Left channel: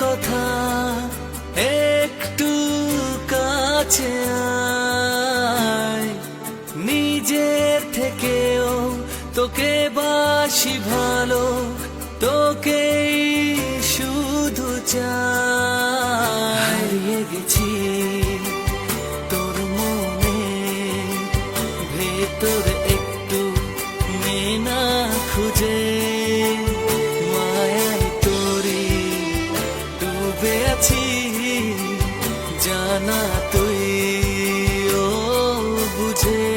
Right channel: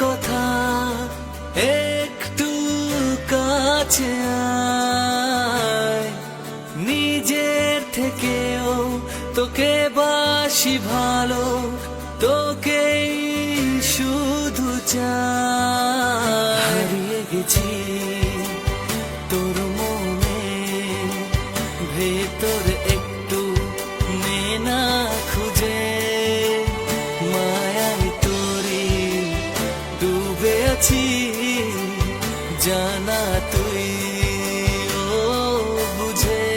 কথা একটু কাছে আয়, নিজের থেকেও তোকে বাসি ভালো, তোকেই শুধু চাই। হারিয়ে গেছি তোর মনে ভেতর একটু মেনা খুঁজে, মায়ায় তোরি ডুবে আছি জানা তুই ও বুঝে।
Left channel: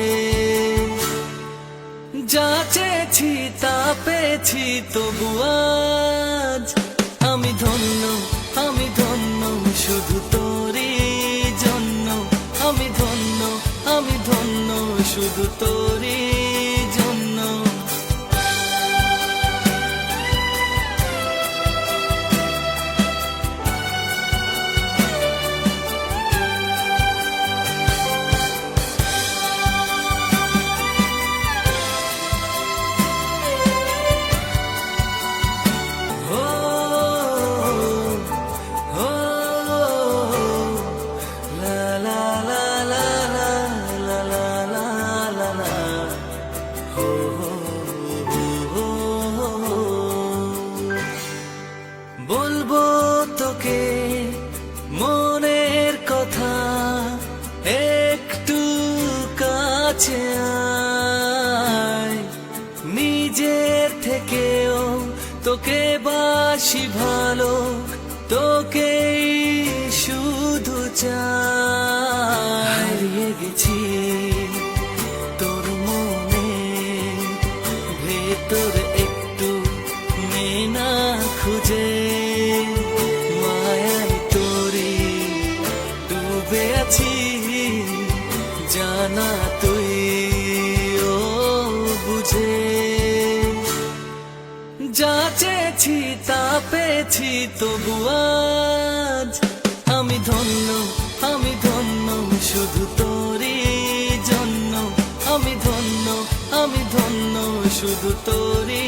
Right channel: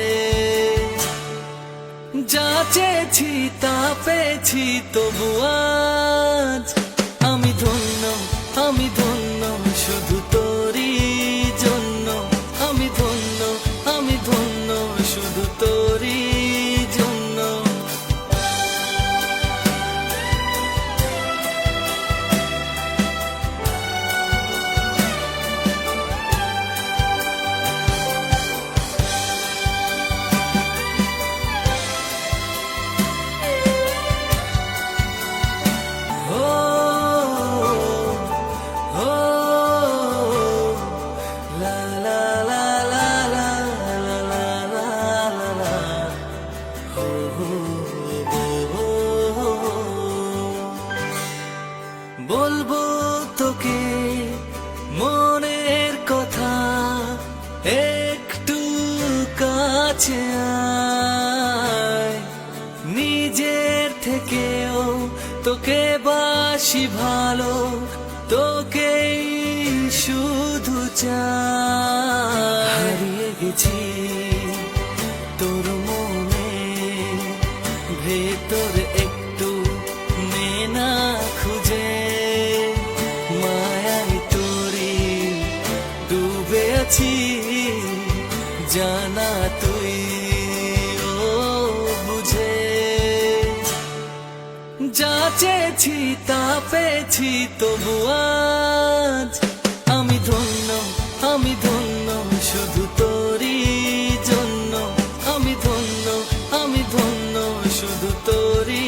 যা চেয়েছি তা পেয়েছি তবু আজ আমি ধন্য, আমি ধন্য শুধু তোরই জন্য। আমি ধন্য, আমি ধন্য শুধু তোরই জন্য। বলবো তোকে মনের কথা একটু কাছে আয়, নিজের থেকেও তোকে বাসি ভালো, তোকেই শুধু চাই। হারিয়ে গেছি তোর মনে ভেতর একটু মেনা খুঁজে, মায়ায় তোরি ডুবে আছি জানা তুই ও বুঝে। যা চেয়েছি তা পেয়েছি তবু আজ আমি ধন্য, আমি ধন্য শুধু তোরই জন্য। আমি ধন্য, আমি ধন্য শুধু তোরই